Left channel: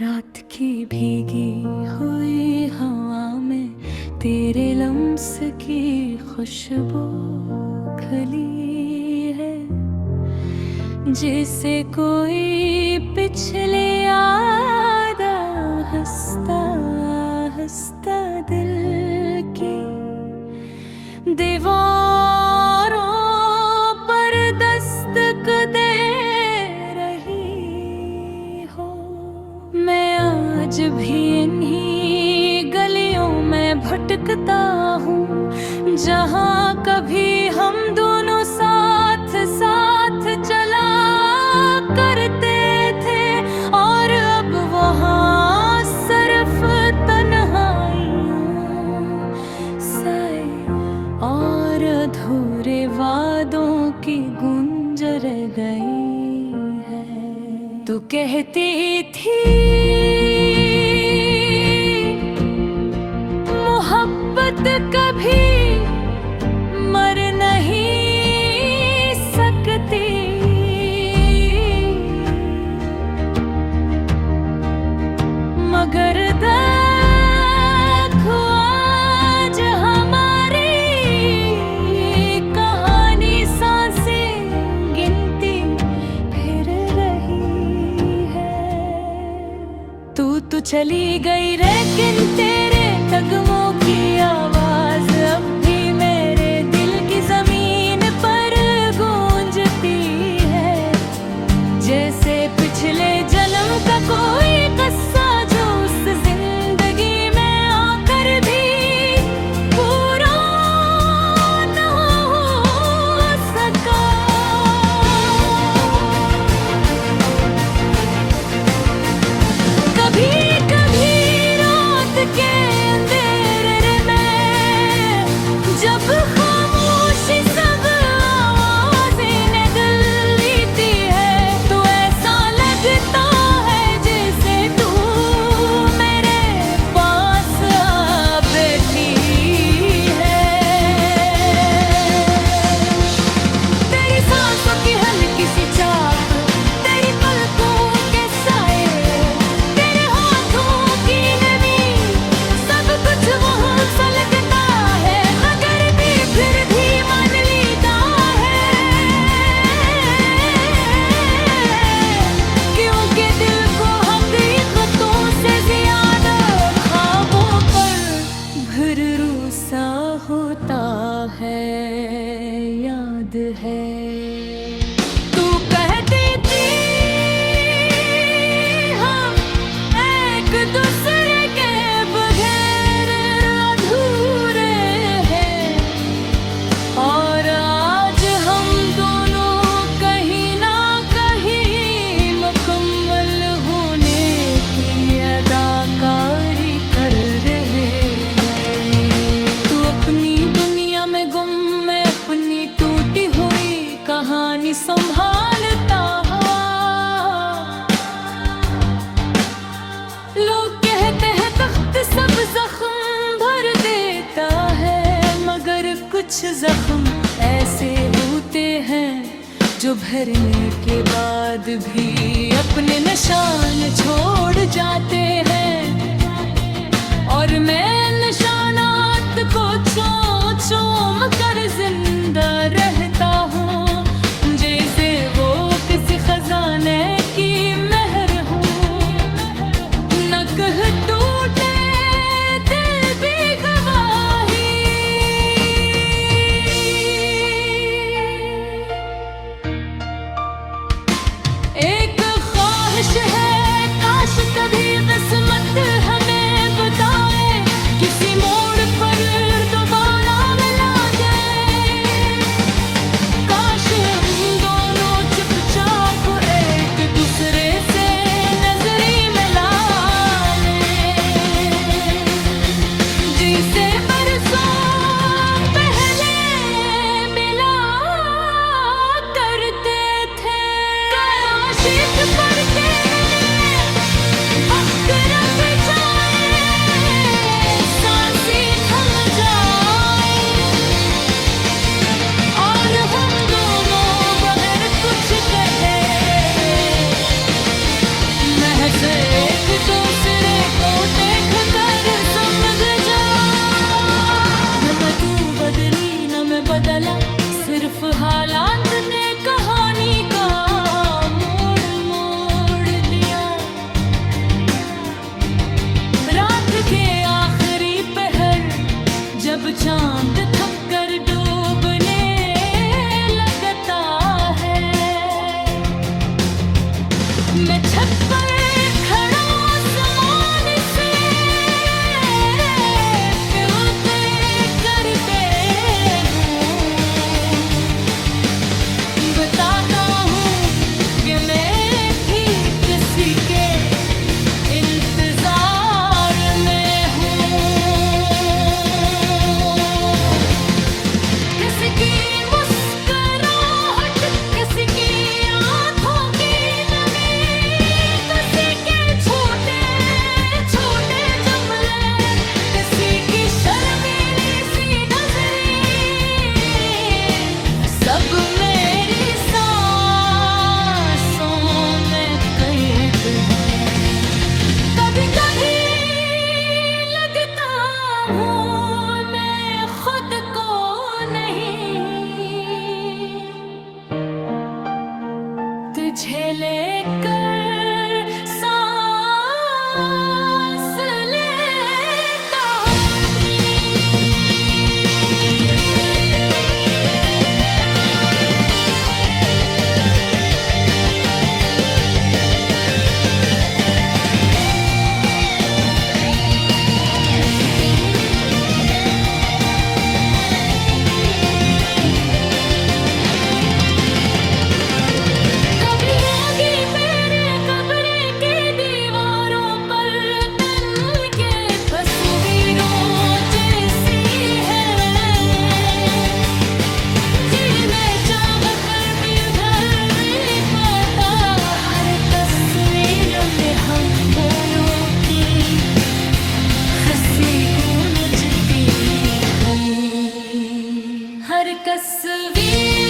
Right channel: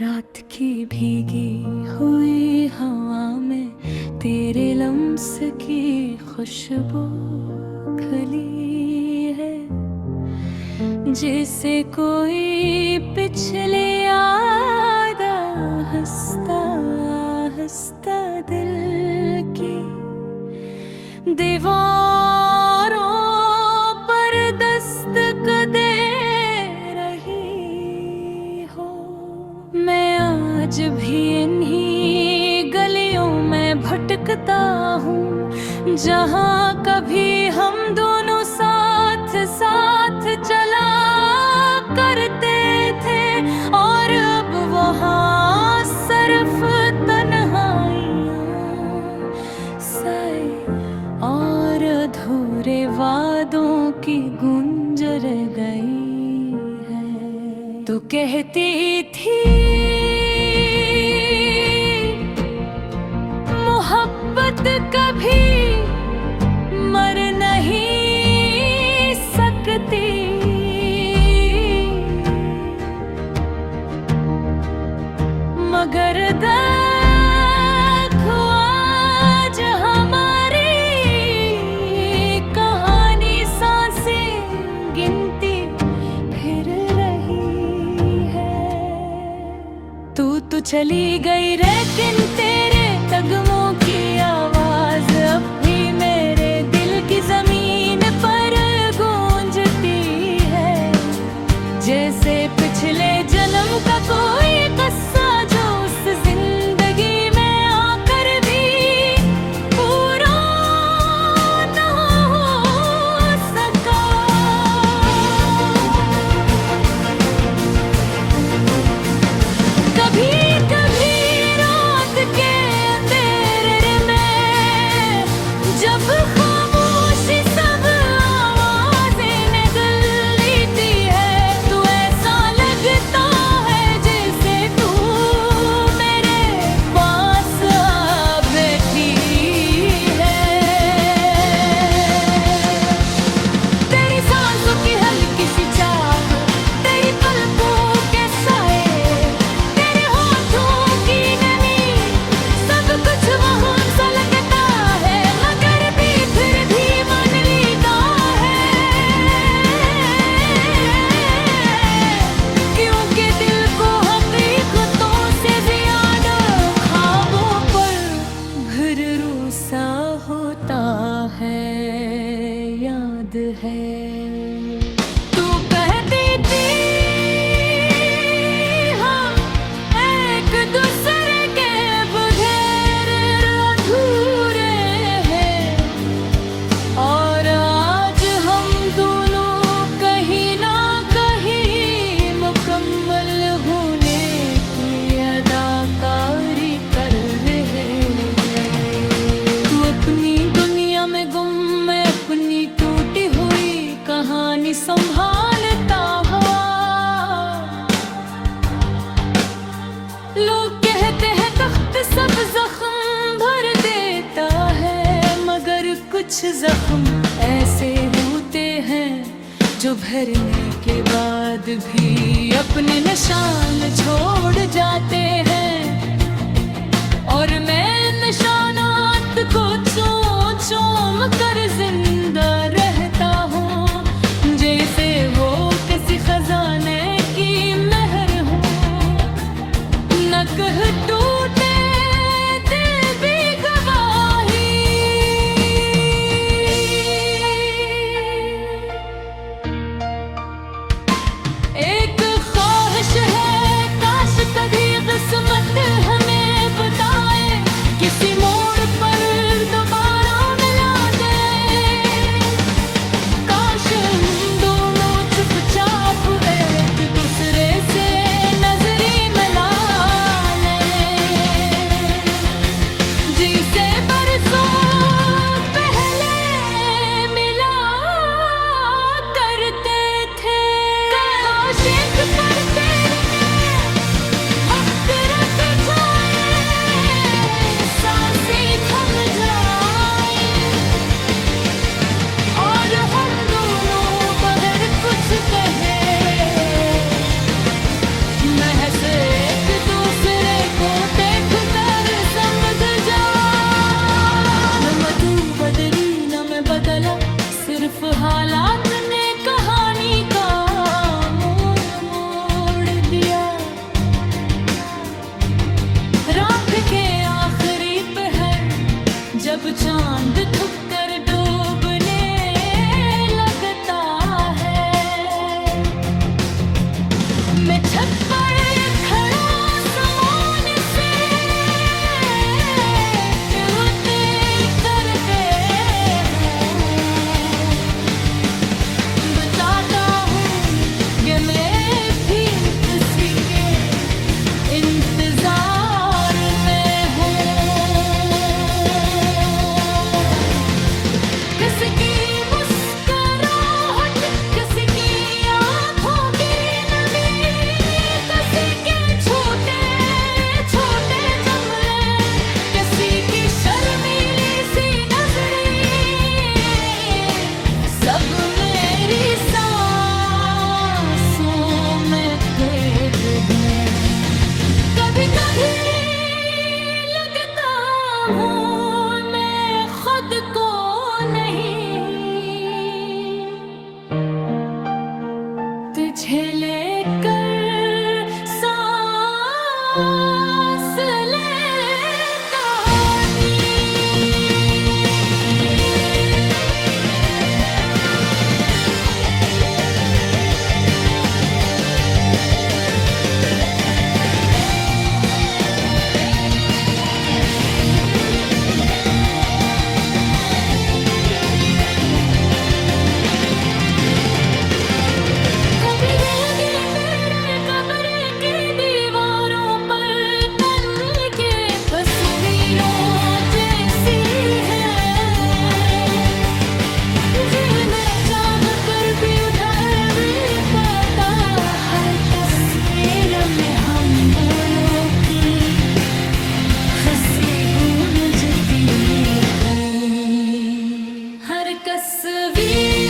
रात की भीगी हुई हवा में तेरे लम्स की खुशबू खिली है, जैसे कोई पिछले यादा हंसता हंसता दिल की दीवारों पर दस्तक दे रही हो। मैं आज भी इन्हीं गलियों में भटकता हूँ जहाँ कभी हम दोनों साथ साथ चला करते थे, और अब वहाँ सिर्फ तन्हाइयाँ, साए और अधूरे वादों की गूंज रह गई है। तू कहती थी मोहब्बत कभी मर नहीं सकती, मगर देखो आज हमारी कहानी सांसें गिनती फिर रही है। तू चली गई लेकिन तेरे कदमों की आवाज अब भी मेरे दिल की जमीन पर गूंजती है, जैसे पिछले जन्म का कोई किस्सा जो उस जिंदगी में आकर भी पूरा न हो सका। कभी कभी रात के अंधेरे में जब खामोशी सब आवाजें निगल लेती है, तो ऐसा लगता है जैसे तू मेरे पास आ बैठी है। तेरी सांसों की हल्की सी चाप, तेरी पलकों के साए, तेरे हाथों की नमी, सब कुछ वहाँ सा लगता है, मगर भी फिर भी मान लेता है, क्योंकि दिल को हकीकतों से ज्यादा ख्वाबों पर भरोसा होता है। याद है तू कहती थी हम एक दूसरे के बगैर अधूरे हैं, और आज हम दोनों कहीं ना कहीं मुकम्मल होने की अदाकारी कर रहे हैं। तू अपनी दुनिया में गुम, मैं अपनी टूटी हुई कहानी संभालता हुआ। लोग कहते हैं तख्त सब जख्म भर देता है, मगर कुछ जख्म ऐसे होते हैं जो भरने के बाद भी अपने निशान छोड़ जाते हैं, और मैं निशानात को चूम चूम कर जिंदा रहता हूँ, जैसे वो किसी खजाने की मेहर हूँ। न कह टूटे दिल भी गवाही, एक ख्वाहिश है काश कभी किस्मत हमें बताए, किसी मोड़ पर दोबारा मिला दे, काश हम दोनों चुपचाप एक दूसरे से नजरी मिला लें, जिसे बरसों पहले मिला करते थे। आशिक पर तेरे वक्त रख जाए, सांसें बदला, सिर्फ हालात ने कहानी का मोड़ मोड़ दिया। रात के आखिरी पहर जब चांद थक कर डूबने लगता है, मैं छत पर खड़ा आसमान से प्याते करते हूँ, बताता हूँ कि मैं भी किसी के इंतजार में हूँ। किसी की मुस्कुराहट, किसी की आंखों की नमी, किसी के छोटे छोटे जमले, किसी की शर्मीली सी नजरें, सब मेरी सांसों में कैद हैं। कभी कभी लगता हूँ मैं खुद को नहीं, तुझे लेकर सांस लेता कभी होगी तेरे कब्र के दीवारों पर तन के तस्वीरों जैसी है, जी मैं चाह कर भी उधर पाता, हर तस्वीर में हम बोलों की हंसी गूंजती थी। हर तस्वीर